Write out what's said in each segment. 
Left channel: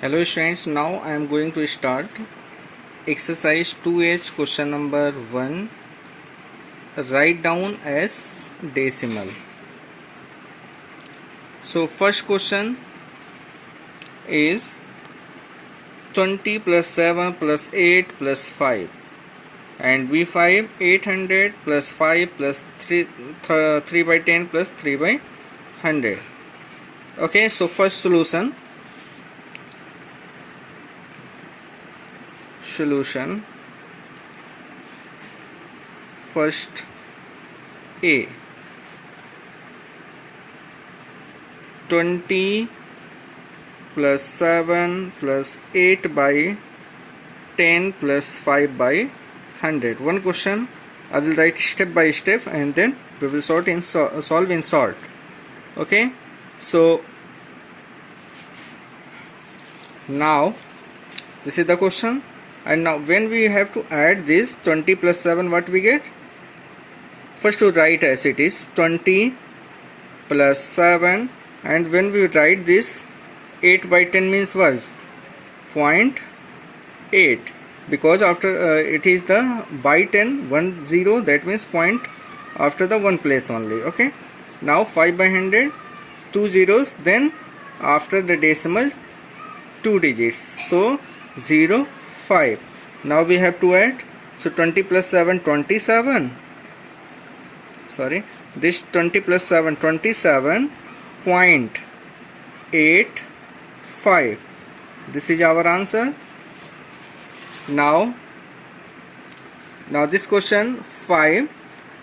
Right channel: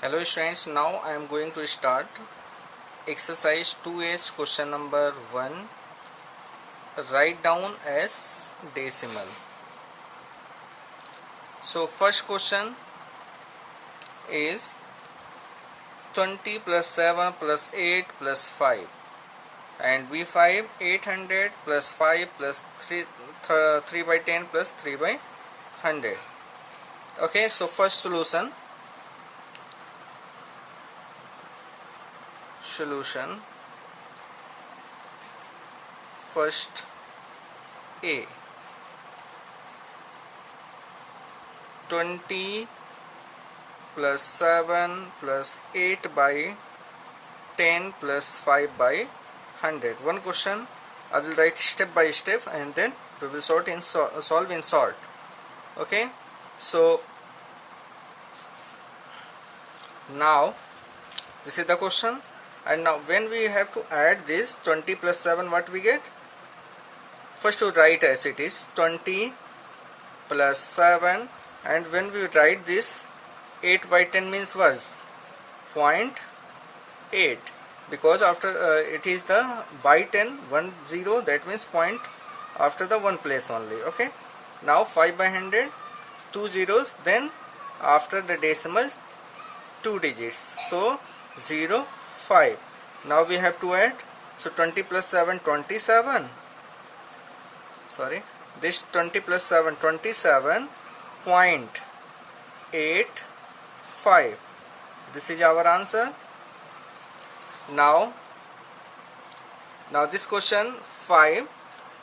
Hello students, now I am going to start exercise 2H question number 1. Write down as decimal. So first question is 20 plus 7 plus 8 plus 5 and B5 800 plus 5 plus 3 by 10 plus 3 by 100. Okay, so first solution first A 20 plus 7 plus 8 by 10 plus 5 by 100. One question I will write step by step and then we will solve in sort. Okay, so now this is the question, and now when we have to add this 20 plus 7, what we get? First to write as it is 20 plus 7, and when we write this 8 by 10 means what? 0.8, because after it is the by 10 1 0, that means point after the one place only. Okay, now 5 by 100 2 zeros, then after the decimal 2 digits, so 0 5. Now we have to add, so 20 plus 7 27, sorry, this 20 plus 7 27.85. this is our answer. Now this question 5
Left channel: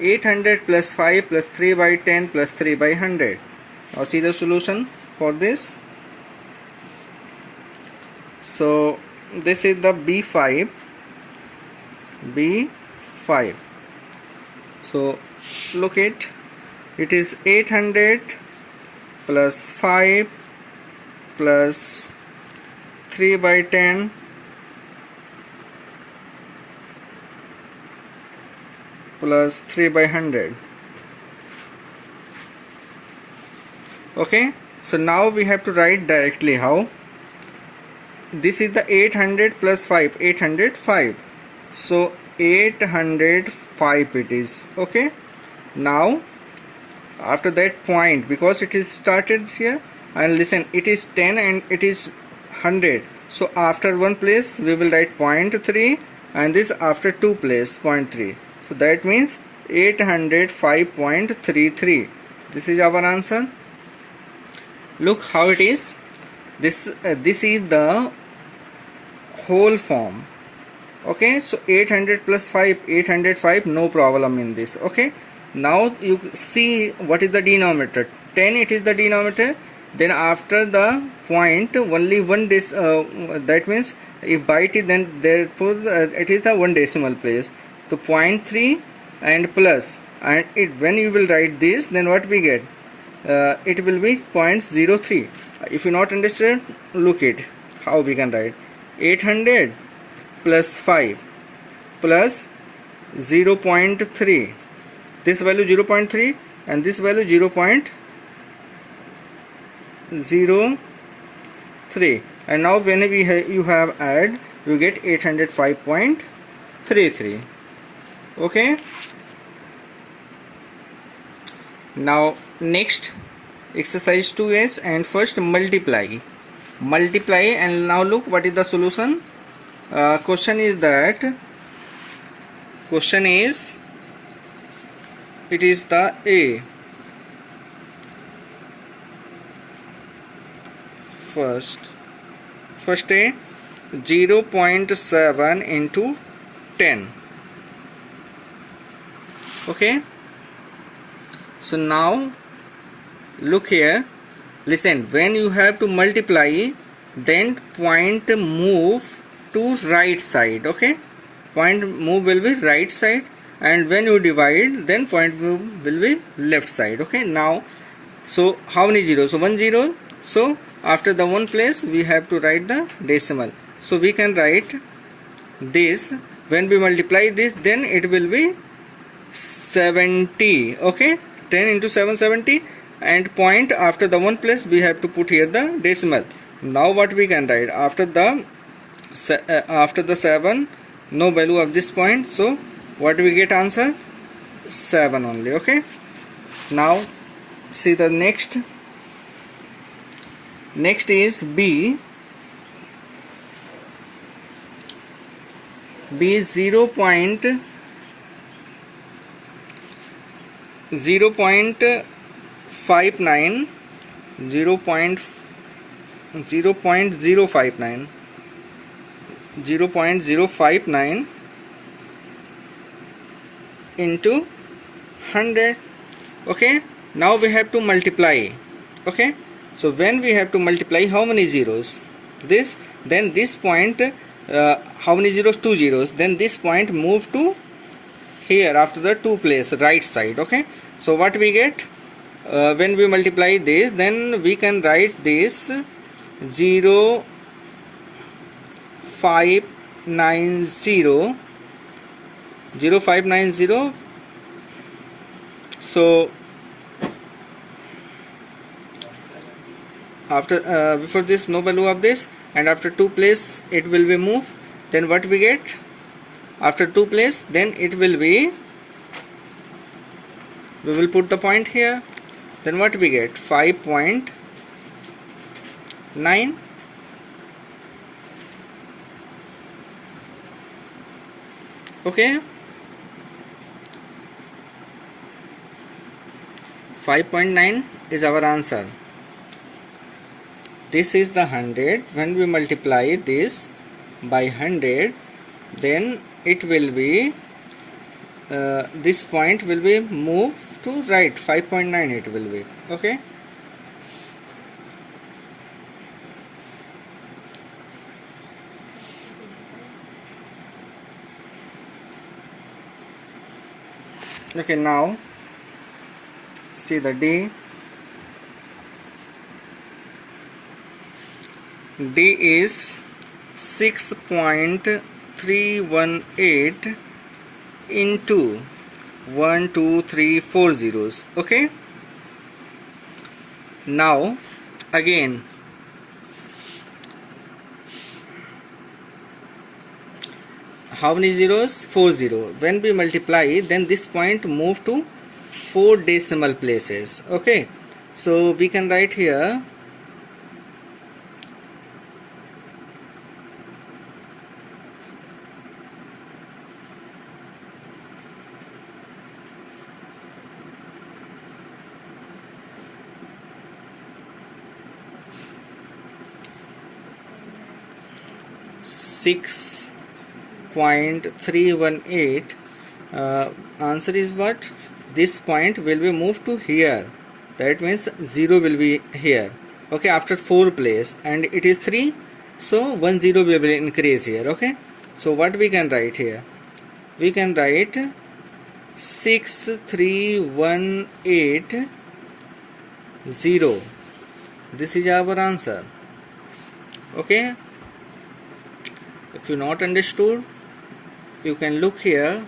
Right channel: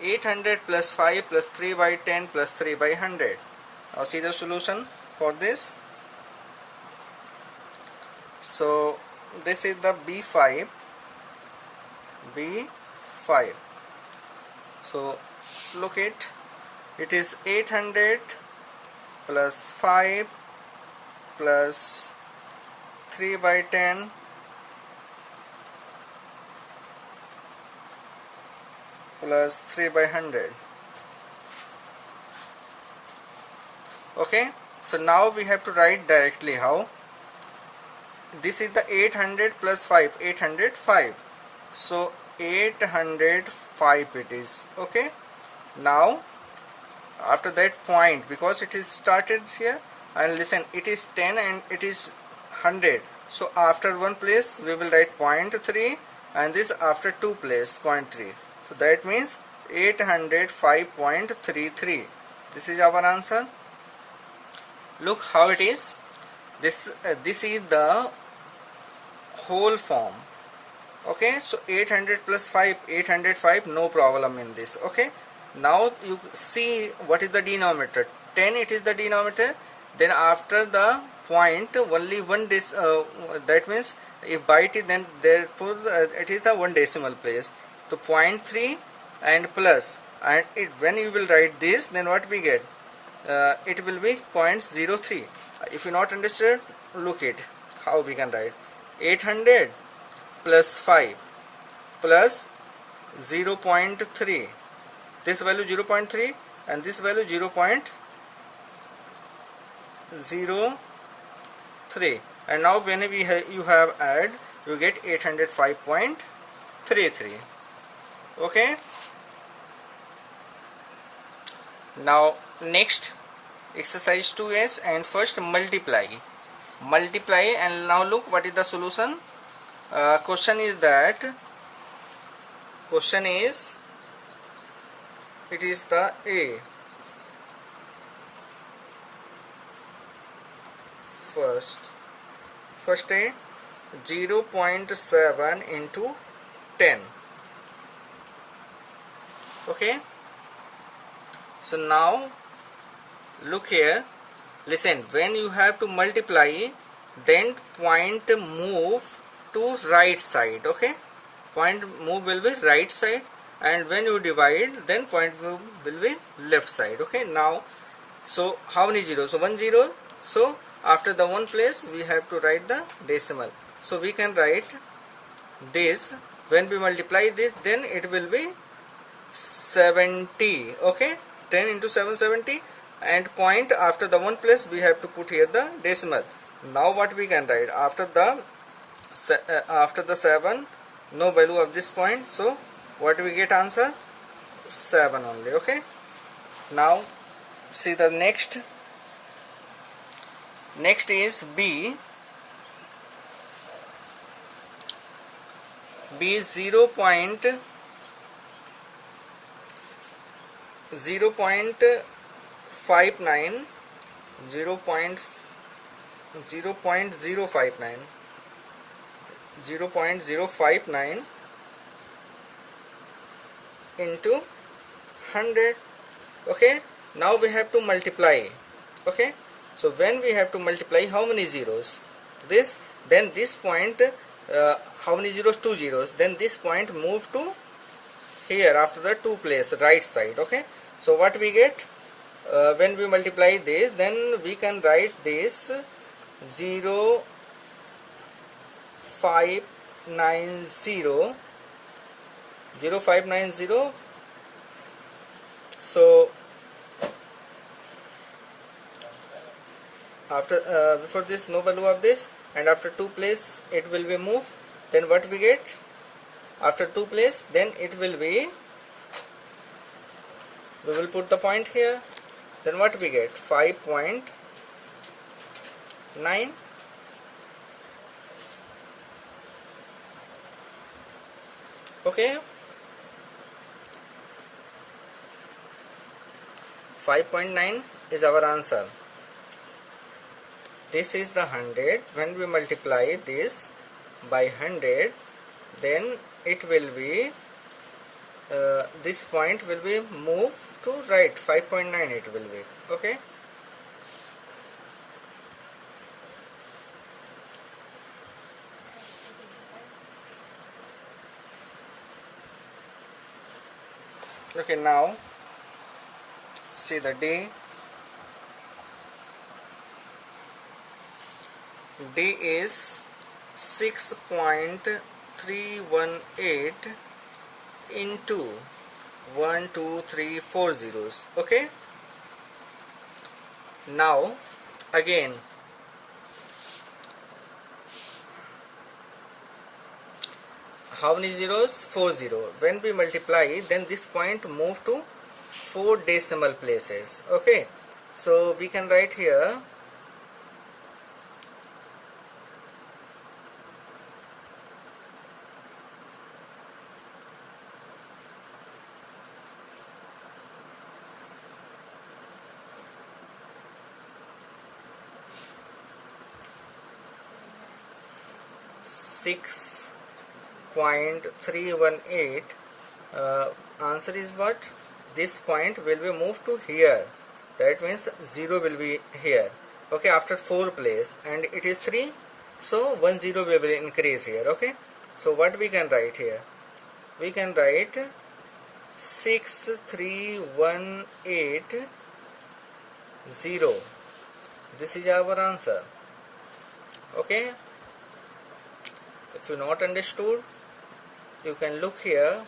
800 plus 5 plus 3 by 10 plus 3 by 100. Now see the solution for this. So this is the B5. So look it is 800 plus 5 plus 3 by 10 plus 3 by 100. Okay, so now we have to write directly how. This is the 800 plus 5, 805, so 805 it is. Okay, now after that point, because it is started here, and listen, it is 10 and it is 100, so after one place we will write 0.3, and this after two place 0.3, so that means 805.33. this is our answer. Look how it is. This is the whole form. Okay, so 800 plus 5 805, no problem in this. Okay, now you see what is the denominator. 10 it is the denominator, then after the point only one that means if by it, then therefore it is the one decimal place, so 0.3 and plus, and when you will write this, then what we get? It will be 0.03. If you not understand, look it how we can write 800 plus 5 plus 0.3, this value 0.3 and this value 0.03, and now when you have add, you get 805.33. okay, now next exercise 2H, and first multiply, and now look what is the solution. Question is it is the A. First A 0.7 into 10. Okay, so now look here, listen, when you have to multiply, then point move to right side. Okay, point move will be right side, and when you divide, then point move will be left side. Okay, now so how many zeros? So 1 0, so after the one place we have to write the decimal, so we can write this. When we multiply this, then it will be 70. Okay, 10 into 7 70, and point after the one place we have to put here the decimal. Now what we can write after the 7, no value of this point, so what we get answer 7 only. Okay, now see the next is B is 0.0.059 0.059 into 100. Okay, now we have to multiply. Okay, so when we have to multiply, how many zeros? This, then this point, how many zeros? 2 zeros. Then this point move to here after the 2 place, right side. Okay, so what we get when we multiply this, then we can write this 0590 0590. So after before this no value of this, and after 2 place it will be moved. Then what we get after 2 place, then it will be, we will put the point here. Then what we get 5.9. Okay, 5.9 is our answer. This is the 100. When we multiply this by 100, then it will be this point will be moved to right, 5.9 it will be. Okay, okay, now see the D is 6.318 into 1 2 3 4 zeros. Okay, now again how many zeros? 4 zero. When we multiply, then this point move to 4 decimal places. Okay, so we can write here 6.318. Answer is what? This point will be moved to here. That means 0 will be here. Okay, after 4 place, and it is 3, so 1 0 will increase here. Okay, so what we can write here? We can write 6318 0. This is our answer. Okay, if you not understood, you can look here.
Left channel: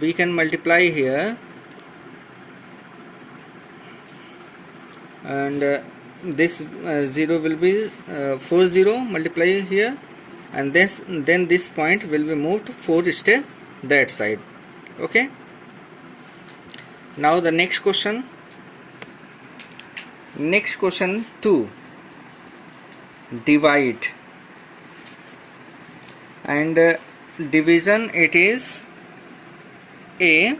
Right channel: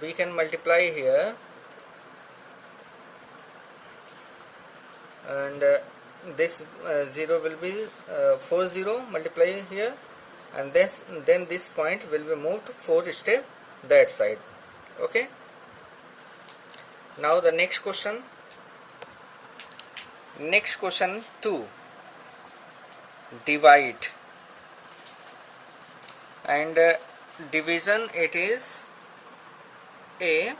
We can multiply here, and this 0 will be 4 0 multiply here, and then this point will be moved to 4 step that side. Okay, now the next question 2, divide, and division, it is a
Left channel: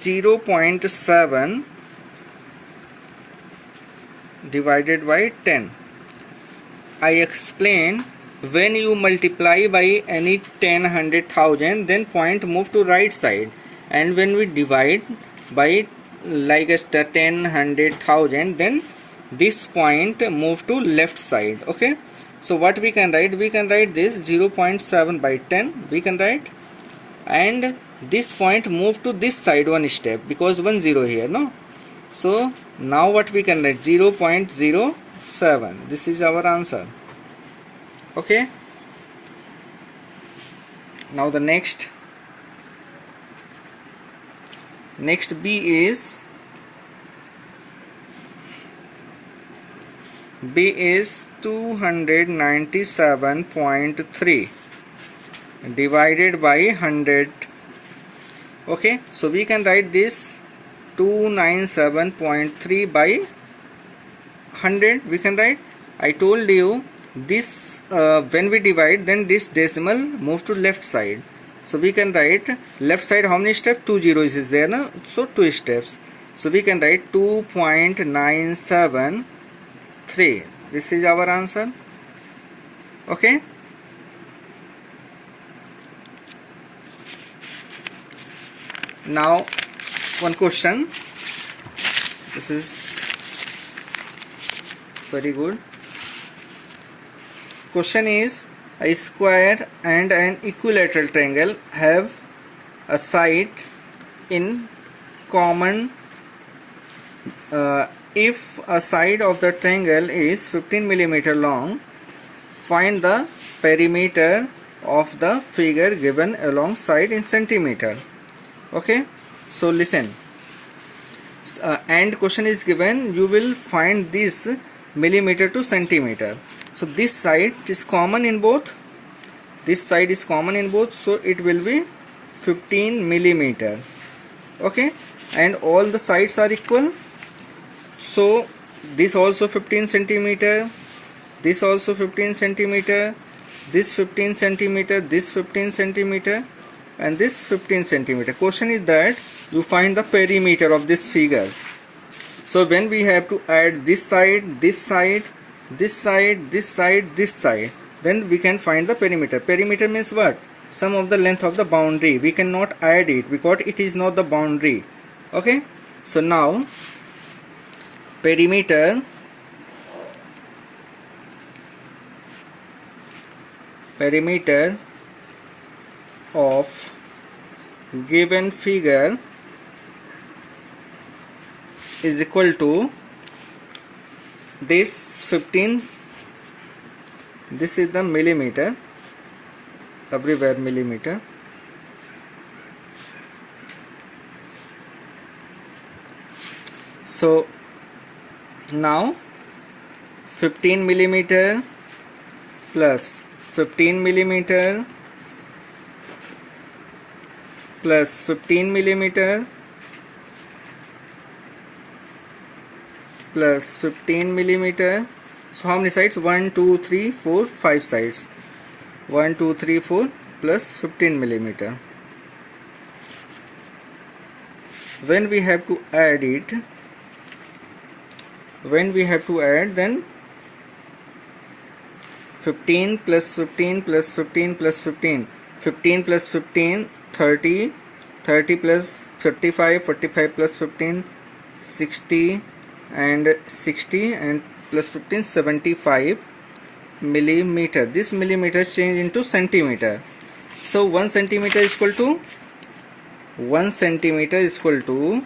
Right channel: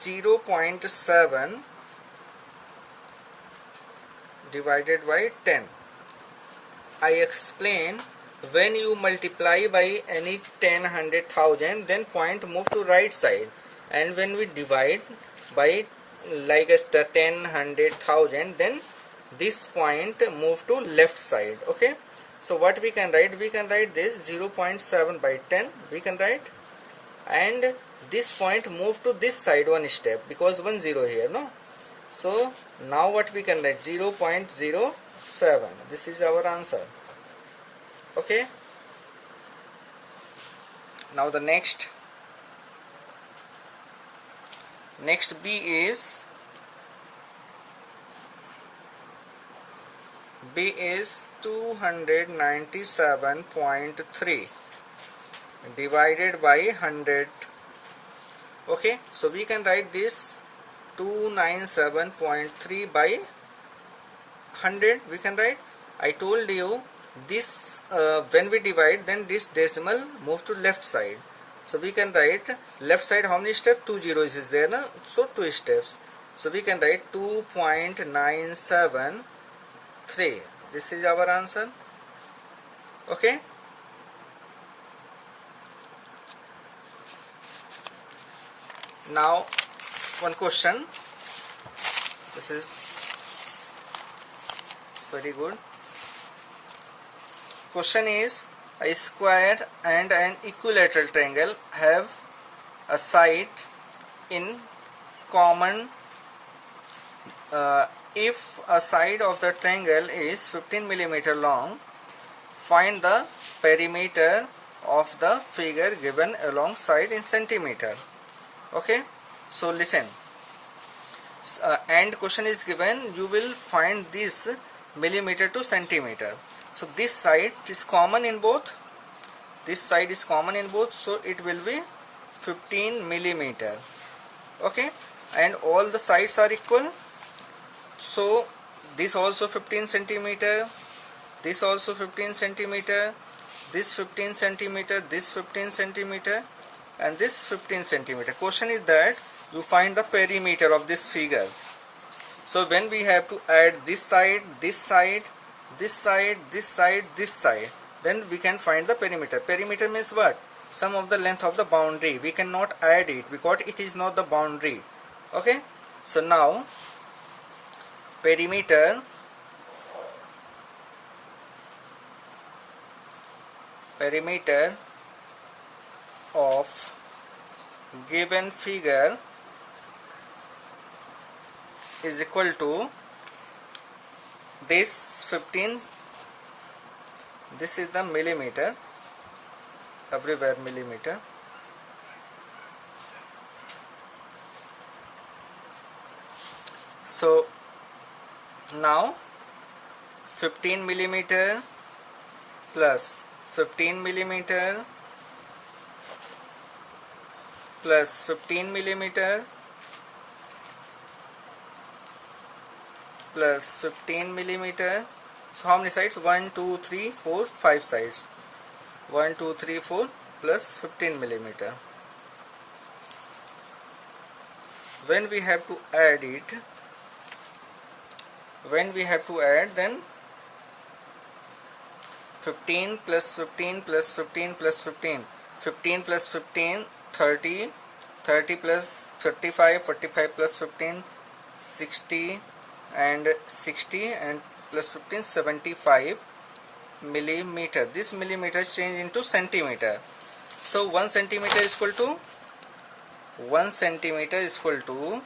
0.7 divided by 10. I explain, when you multiply by any 10, 100,000, then point move to right side, and when we divide by like a 10, 100,000, then this point move to left side. Okay, so what we can write? We can write this 0.7 by 10 we can write, and this point move to this side one step, because 1 0 here, no? So now what we can write? 0.07. This is our answer. Okay, now the next B is B is 297.3 divided by 100. Okay, so we can write this 297.3 by 100. We can write, I told you this when we divide, then this decimal move to left side. So we can write left side, how many steps? 2 zeros is there, na? So 2 steps. So we can write 2.973. This is our answer. Okay. Now one question. This is very good. Question is, a square and an equilateral triangle have a side in common. If a side of the triangle is 15 mm long, find the perimeter of the figure given alongside in centimeter. Okay, so listen. And question is given, you will find this millimeter to centimeter. So this side is common in both. This side is common in both, so it will be 15 millimeter. Okay, and all the sides are equal. So this also 15 centimeter, this also 15 centimeter, this 15 centimeter, this 15 centimeter, and this 15 centimeter. Question is that you find the perimeter of this figure. So when we have to add this side, this side, this side, this side, this side, then we can find the perimeter. Perimeter means what? Sum of the length of the boundary. We cannot add it because it is not the boundary. Okay, so now perimeter of given figure is equal to this 15. This is the millimeter, everywhere millimeter. So now 15 millimeter plus 15 millimeter plus 15 millimeter plus 15 millimeter. So how many sides? 1, 2, 3, 4, 5 sides. 1, 2, 3, 4 plus 15 millimeter. When we have to add it, then 15 plus 15 plus 15 plus 15, 15 plus 15, 30, 30 plus 35, 45 plus 15, 60, and 60 and plus 15, 75 millimeter. This millimeter change into centimeter. So 1 centimeter is equal to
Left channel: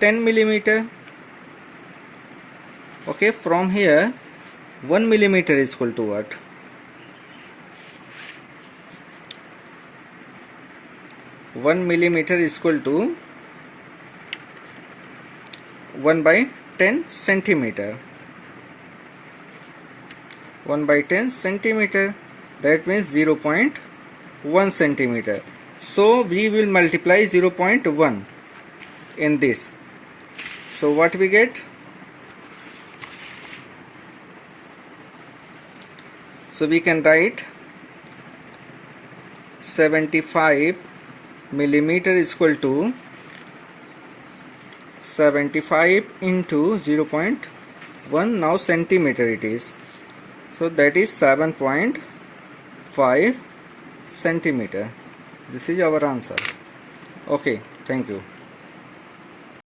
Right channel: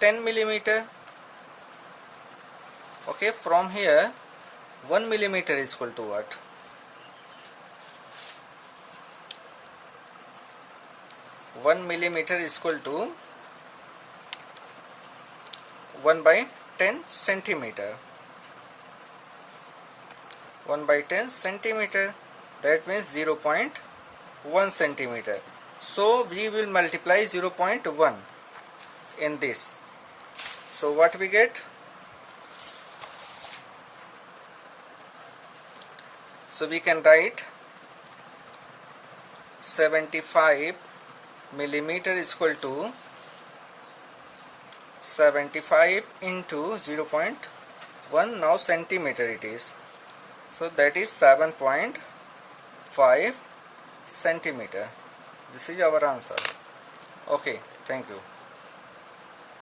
10 millimeter. Okay, from here 1 millimeter is equal to what? 1 millimeter is equal to 1 by 10 centimeter. 1 by 10 centimeter, that means 0.1 centimeter. So we will multiply 0.1 in this. So what we get? So we can write 75 millimeter is equal to 75 into 0.1. Now centimeter it is. So that is 7.5 centimeter. This is our answer. Okay, thank you.